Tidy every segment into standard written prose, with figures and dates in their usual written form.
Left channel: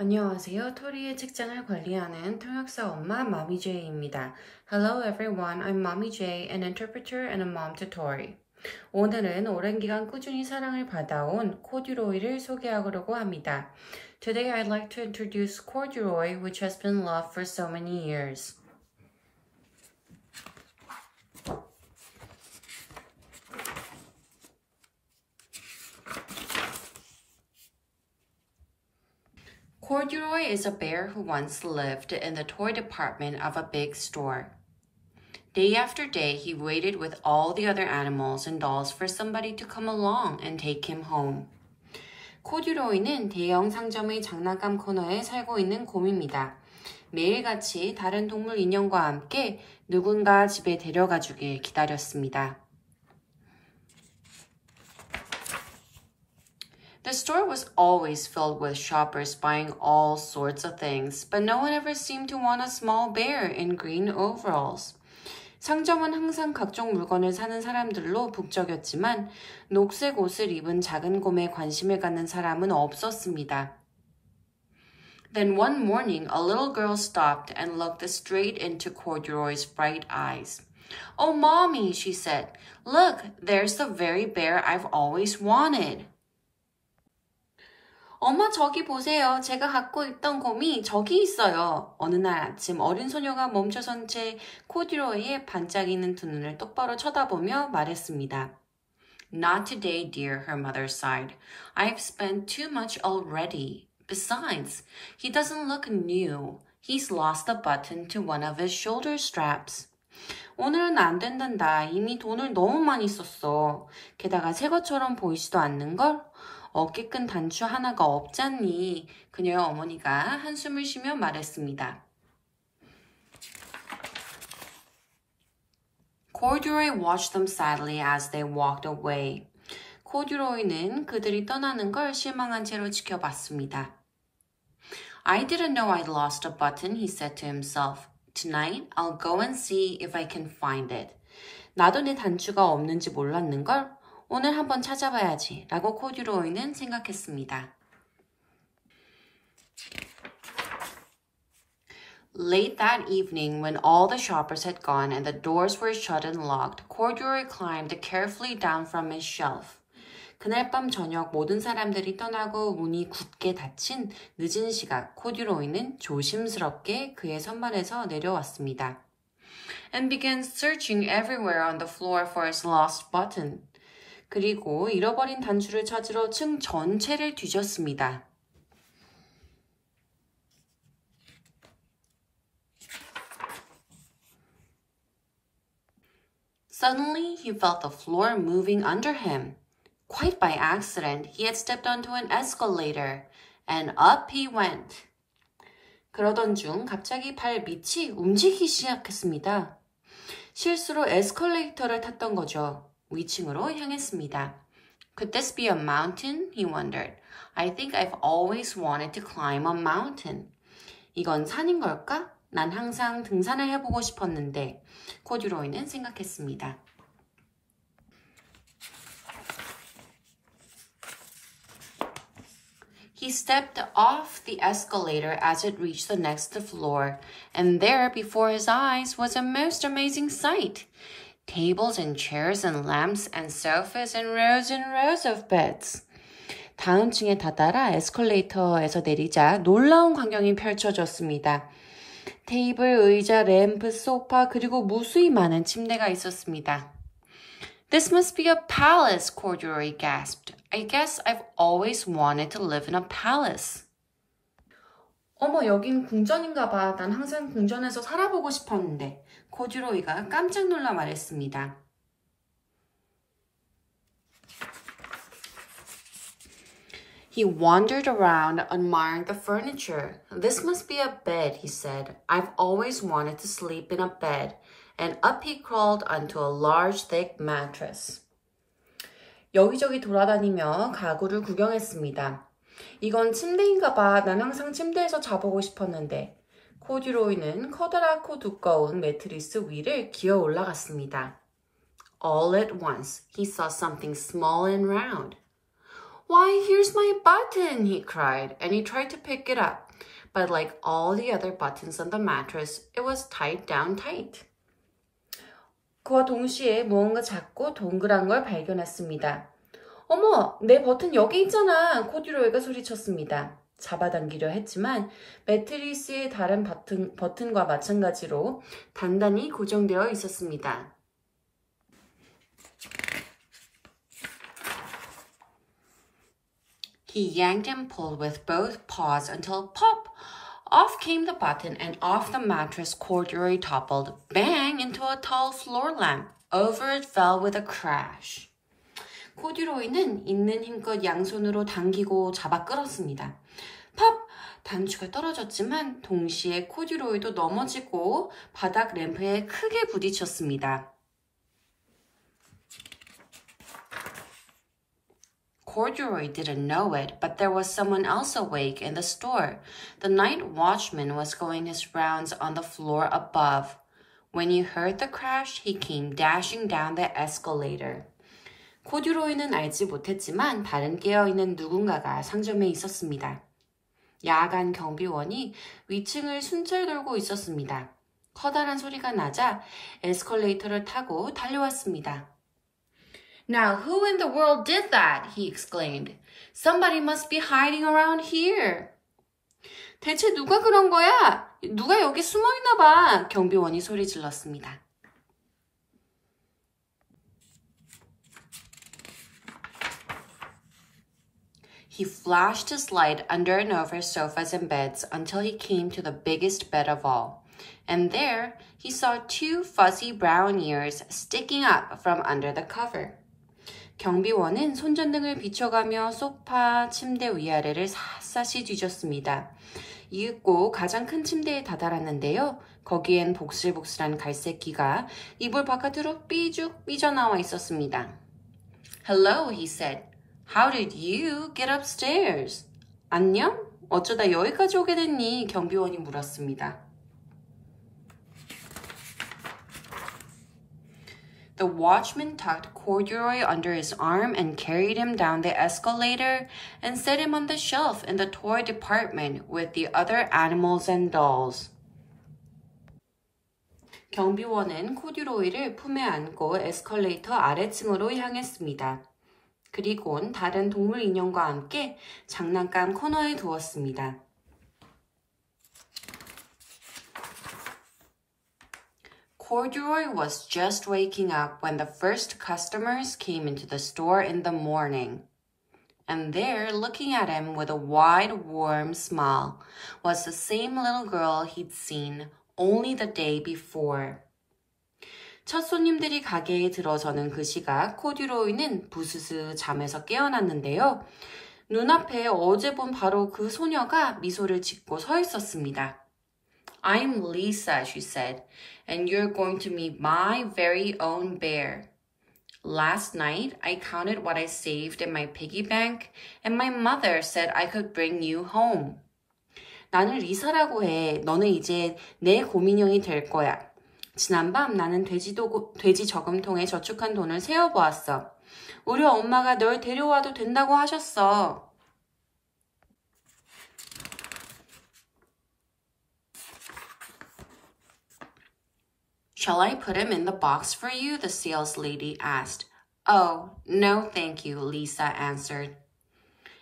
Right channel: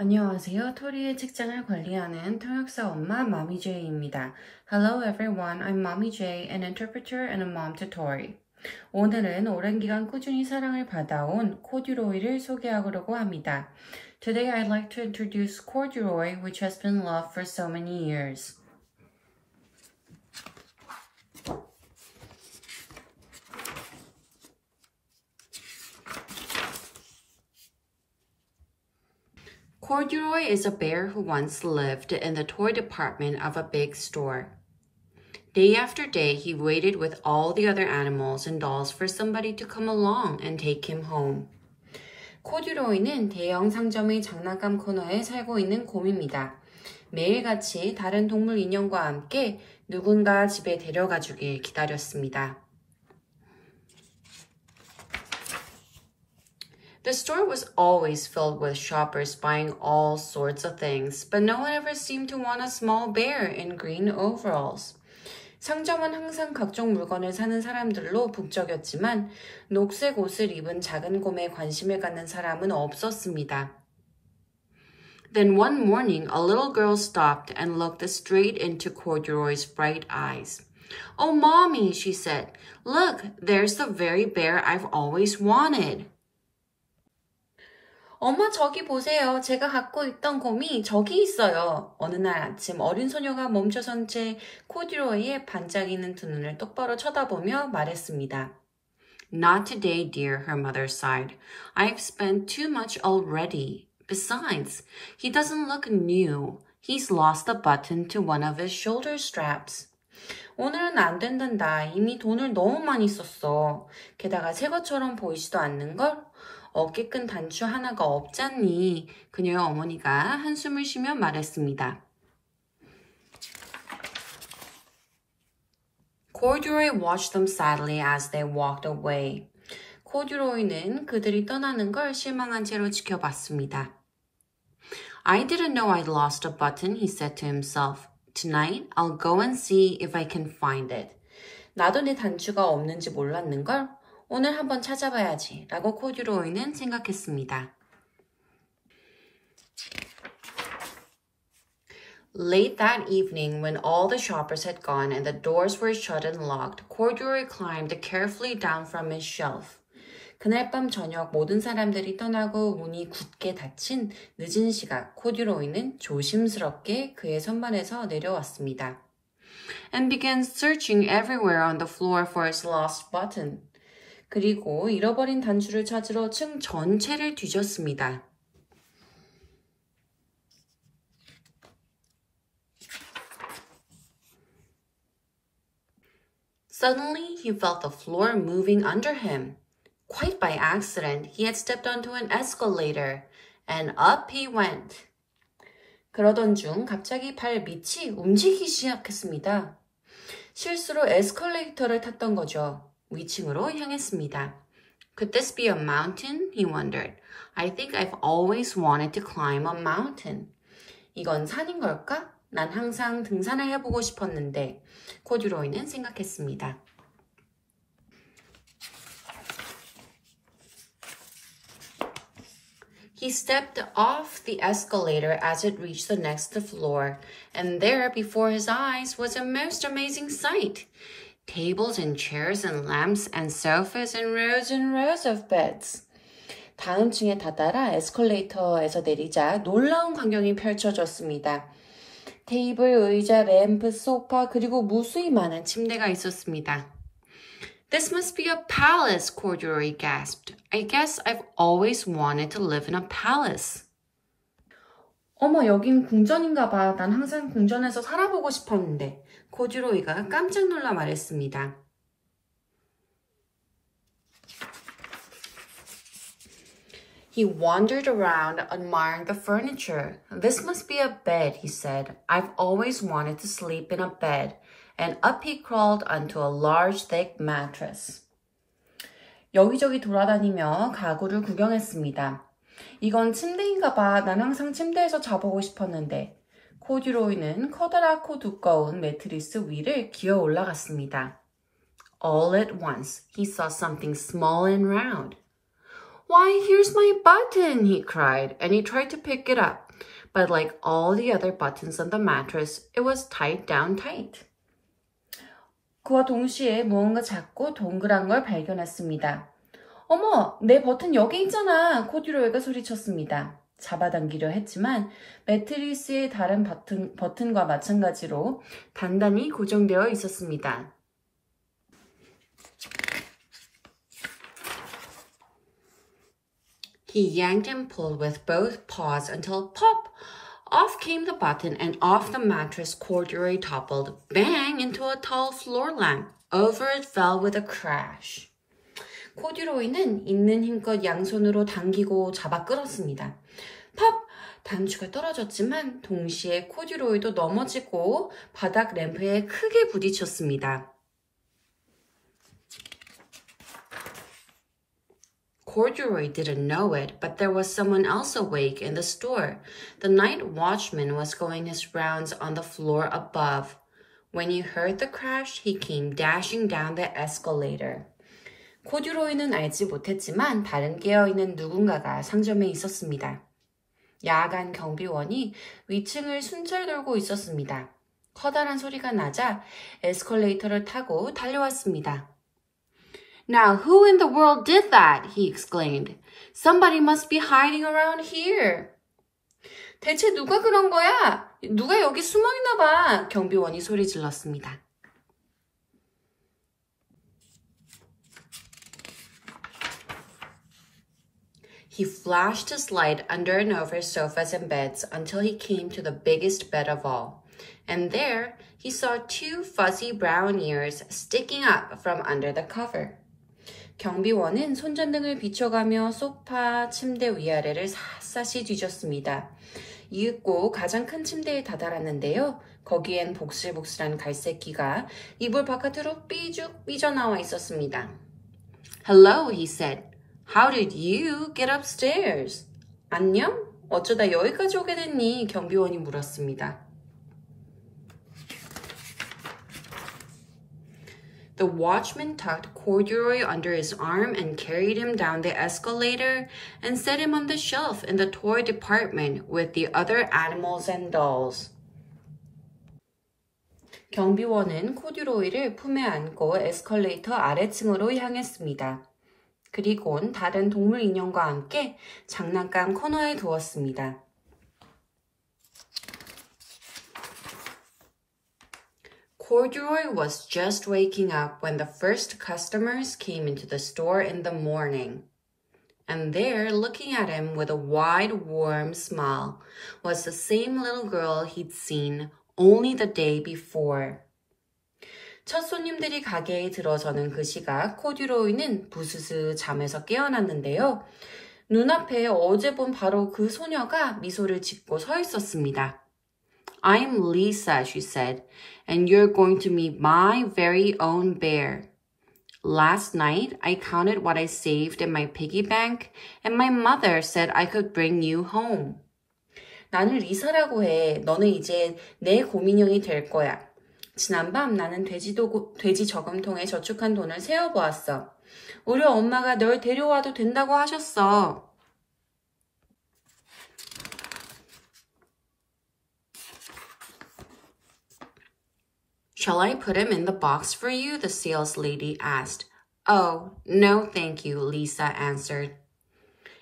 안녕하세요. 토리의 책장을 관리하는 통역사 엄마 Mommy J입니다. Hello everyone, I'm Mommy J, an interpreter and a mom to Tori. 오늘은 오랜 기간 꾸준히 사랑을 받아온 코듀로이를 소개하려고 합니다. Today I'd like to introduce corduroy, which has been loved for so many years. Corduroy is a bear who once lived in the toy department of a big store. Day after day, he waited with all the other animals and dolls for somebody to come along and take him home. 코듀로이는 대형 상점의 장난감 코너에 살고 있는 곰입니다. 매일같이 다른 동물 인형과 함께 누군가 집에 데려가 주길 기다렸습니다. The store was always filled with shoppers buying all sorts of things, but no one ever seemed to want a small bear in green overalls. 상점은 항상 각종 물건을 사는 사람들로 북적였지만 녹색 옷을 입은 작은 곰에 관심을 갖는 사람은 없었습니다. Then one morning, a little girl stopped and looked straight into Corduroy's bright eyes. "Oh, Mommy," she said, "look, there's the very bear I've always wanted." 엄마 저기 보세요. 제가 갖고 있던 곰이 저기 있어요. 어느 날 아침 어린 소녀가 멈춰선 채 코듀로이의 반짝이는 두 눈을 똑바로 쳐다보며 말했습니다. Not today, dear, her mother sighed. I've spent too much already. Besides, he doesn't look new. He's lost the button to one of his shoulder straps. 오늘은 안 된단다. 이미 돈을 너무 많이 썼어. 게다가 새 것처럼 보이지도 않는걸? 어깨끈 단추 하나가 없잖니. 그녀의 어머니가 한숨을 쉬며 말했습니다. Corduroy watched them sadly as they walked away. 코듀로이는 그들이 떠나는 걸 실망한 채로 지켜봤습니다. I didn't know I'd lost a button, he said to himself. Tonight, I'll go and see if I can find it. 나도 내 단추가 없는지 몰랐는걸? 오늘 한번 찾아봐야지 라고 코듀로이는 생각했습니다. Late that evening, when all the shoppers had gone and the doors were shut and locked, Corduroy climbed carefully down from his shelf. 그날 밤 저녁 모든 사람들이 떠나고 문이 굳게 닫힌 늦은 시각, 코듀로이는 조심스럽게 그의 선반에서 내려왔습니다. And began searching everywhere on the floor for his lost button. 그리고 잃어버린 단추를 찾으러 층 전체를 뒤졌습니다. Suddenly, he felt the floor moving under him. Quite by accident, he had stepped onto an escalator, and up he went. 그러던 중 갑자기 발 밑이 움직이기 시작했습니다. 실수로 에스컬레이터를 탔던 거죠. 위층으로 향했습니다. Could this be a mountain? He wondered. I think I've always wanted to climb a mountain. 이건 산인 걸까? 난 항상 등산을 해보고 싶었는데, 코듀로이는 생각했습니다. He stepped off the escalator as it reached the next floor, and there before his eyes was a most amazing sight. Tables and chairs and lamps and sofas and rows of beds. 다음 층에 다다라 에스컬레이터에서 내리자 놀라운 광경이 펼쳐졌습니다. 테이블, 의자, 램프, 소파, 그리고 무수히 많은 침대가 있었습니다. This must be a palace, Corduroy gasped. I guess I've always wanted to live in a palace. 어머, 여긴 궁전인가 봐. 난 항상 궁전에서 살아보고 싶었는데. 코듀로이가 깜짝 놀라 말했습니다. He wandered around admiring the furniture. This must be a bed, he said. I've always wanted to sleep in a bed. And up he crawled onto a large, thick mattress. 여기저기 돌아다니며 가구를 구경했습니다. 이건 침대인가 봐. 난 항상 침대에서 자보고 싶었는데. 코듀로이는 커다랗고 두꺼운 매트리스 위를 기어 올라갔습니다. All at once, he saw something small and round. Why, here's my button, he cried, and he tried to pick it up. but like all the other buttons on the mattress, it was tied down tight. 그와 동시에 무언가 작고 동그란 걸 발견했습니다. 어머, 내 버튼 여기 있잖아, 코듀로이가 소리쳤습니다. 잡아당기려 했지만 매트리스의 다른 버튼과 마찬가지로 단단히 고정되어 있었습니다. He yanked and pulled with both paws until pop! Off came the button and off the mattress corduroy toppled, bang, into a tall floor lamp. Over it fell with a crash. 코듀로이는 있는 힘껏 양손으로 당기고 잡아 끌었습니다. 팝! 단추가 떨어졌지만 동시에 코듀로이도 넘어지고 바닥 램프에 크게 부딪혔습니다. Corduroy didn't know it, but there was someone else awake in the store. The night watchman was going his rounds on the floor above. When he heard the crash, he came dashing down the escalator. 코듀로이는 알지 못했지만 다른 깨어있는 누군가가 상점에 있었습니다. 야간 경비원이 위층을 순찰 돌고 있었습니다. 커다란 소리가 나자 에스컬레이터를 타고 달려왔습니다. Now, who in the world did that? He exclaimed. Somebody must be hiding around here. 대체 누가 그런 거야? 누가 여기 숨어 있나 봐. 경비원이 소리 질렀습니다. He flashed his light under and over sofas and beds until he came to the biggest bed of all. And there, he saw two fuzzy brown ears sticking up from under the cover. 경비원은 손전등을 비춰가며 소파, 침대 위아래를 샅샅이 뒤졌습니다. 이윽고 가장 큰 침대에 다다랐는데요. 거기엔 복슬복슬한 갈색 귀가 이불 바깥으로 삐죽 삐져나와 있었습니다. Hello, he said. How did you get upstairs? 안녕? 어쩌다 여기까지 오게 됐니? 경비원이 물었습니다. The watchman tucked Corduroy under his arm and carried him down the escalator and set him on the shelf in the toy department with the other animals and dolls. 경비원은 코듀로이를 품에 안고 에스컬레이터 아래층으로 향했습니다. 그리곤 다른 동물 인형과 함께 장난감 코너에 두었습니다. Corduroy was just waking up when the first customers came into the store in the morning. And there, looking at him with a wide, warm smile, was the same little girl he'd seen only the day before. 첫 손님들이 가게에 들어서는 그 시각 코듀로이는 부스스 잠에서 깨어났는데요. 눈앞에 어제 본 바로 그 소녀가 미소를 짓고 서 있었습니다. I'm Lisa, she said, and you're going to meet my very own bear. Last night, I counted what I saved in my piggy bank, and my mother said I could bring you home. 나는 리사라고 해. 너는 이제 내 곰인형이 될 거야. 지난밤 나는 돼지 저금통에 저축한 돈을 세어보았어. 우리 엄마가 널 데려와도 된다고 하셨어. Shall I put him in the box for you? The sales lady asked. Oh, no, thank you, Lisa answered.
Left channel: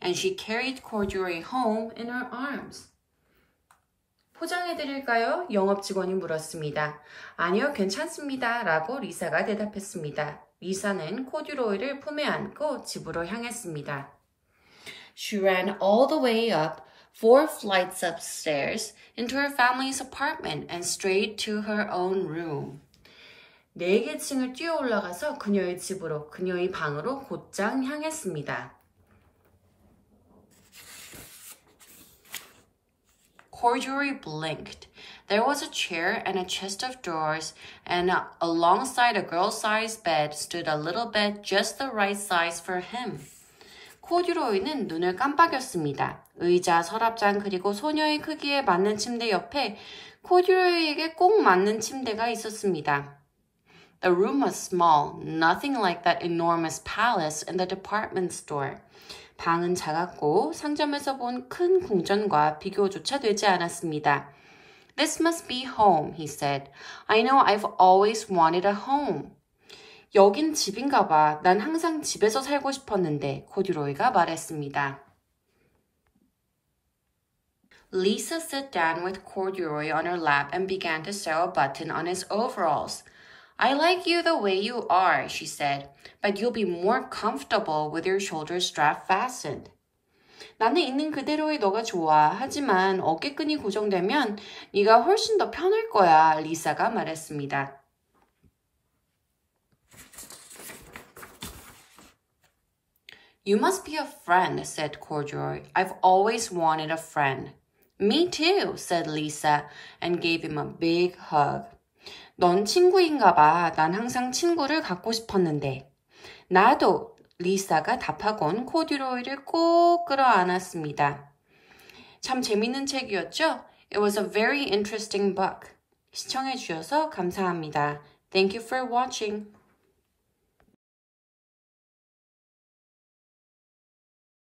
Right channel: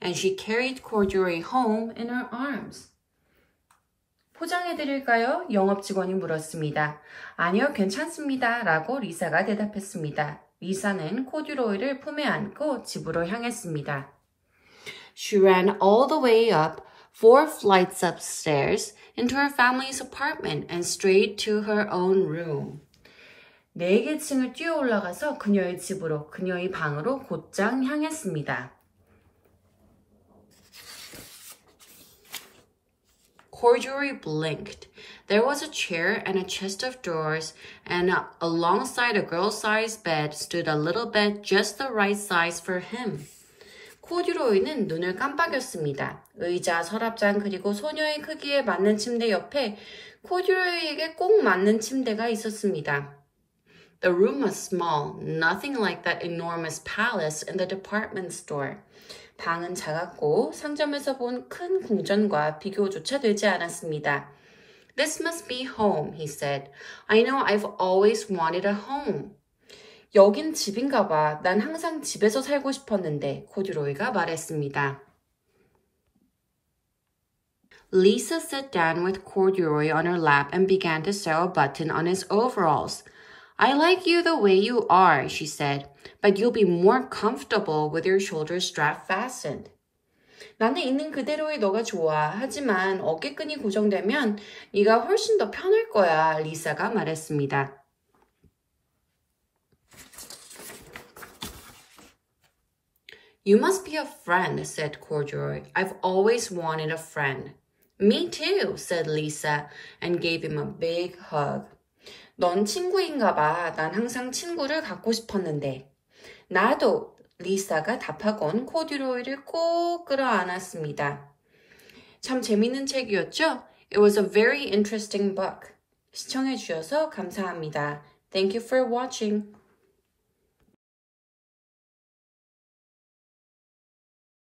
And she carried Corduroy home in her arms. 포장해드릴까요? 영업 직원이 물었습니다. 아니요, 괜찮습니다. 라고 리사가 대답했습니다. 리사는 코듀로이를 품에 안고 집으로 향했습니다. She ran all the way up 4 flights upstairs into her family's apartment and straight to her own room. 4개 층을 뛰어 올라가서 그녀의 집으로, 그녀의 방으로 곧장 향했습니다. Corduroy blinked. There was a chair and a chest of drawers, and alongside a girl-sized bed stood a little bed just the right size for him. 코듀로이는 눈을 깜빡였습니다. 의자, 서랍장, 그리고 소녀의 크기에 맞는 침대 옆에 코듀로이에게 꼭 맞는 침대가 있었습니다. The room was small, nothing like that enormous palace in the department store. 방은 작았고 상점에서 본 큰 궁전과 비교조차 되지 않았습니다. This must be home, he said. I know I've always wanted a home. 여긴 집인가 봐. 난 항상 집에서 살고 싶었는데, 코듀로이가 말했습니다. Lisa sat down with Corduroy on her lap and began to sew a button on his overalls. I like you the way you are, she said, but you'll be more comfortable with your shoulder strap fastened. 나는 있는 그대로의 너가 좋아. 하지만 어깨끈이 고정되면 네가 훨씬 더 편할 거야, 리사가 말했습니다. You must be a friend, said Corduroy. I've always wanted a friend. Me too, said Lisa, and gave him a big hug. 넌 친구인가 봐. 난 항상 친구를 갖고 싶었는데. 나도, 리사가 답하곤 코듀로이를 꼭 끌어안았습니다. 참 재밌는 책이었죠? It was a very interesting book. 시청해 주셔서 감사합니다. Thank you for watching.